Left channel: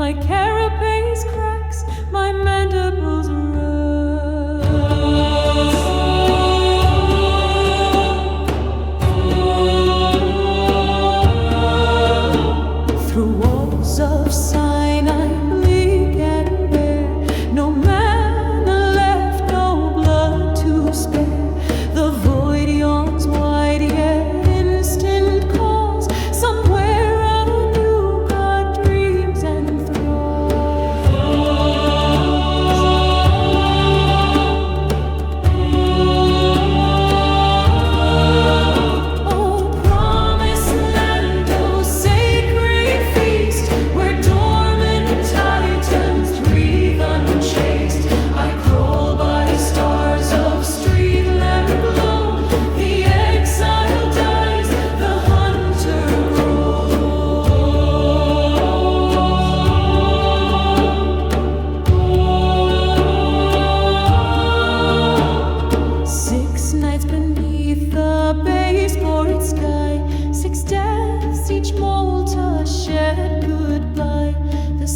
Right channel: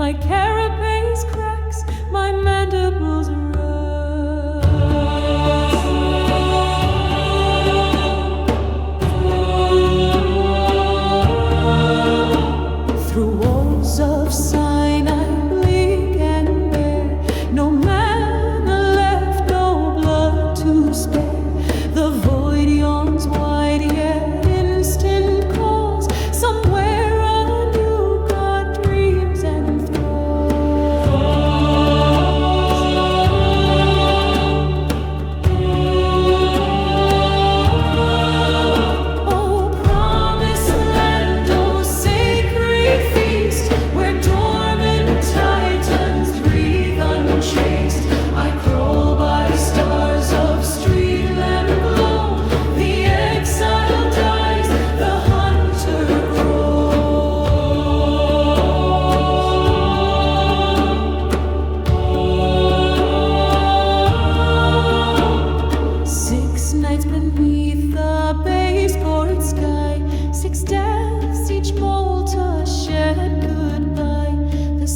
My carapace cracks, my mandibles rust. Through walls of Sinai, bleak and bare, no manna left, no blood to spare. The void yawns wide, yet instant calls. Somewhere a new God dreams and enthralls. Oh, promised land, oh, sacred feast, where dormant titans breathe unchaste. I crawl by stars of street lamp glow. The exile dies, the hunter grows. 6 nights beneath the baseboard sky, 6 deaths, each molt a shed goodbye. The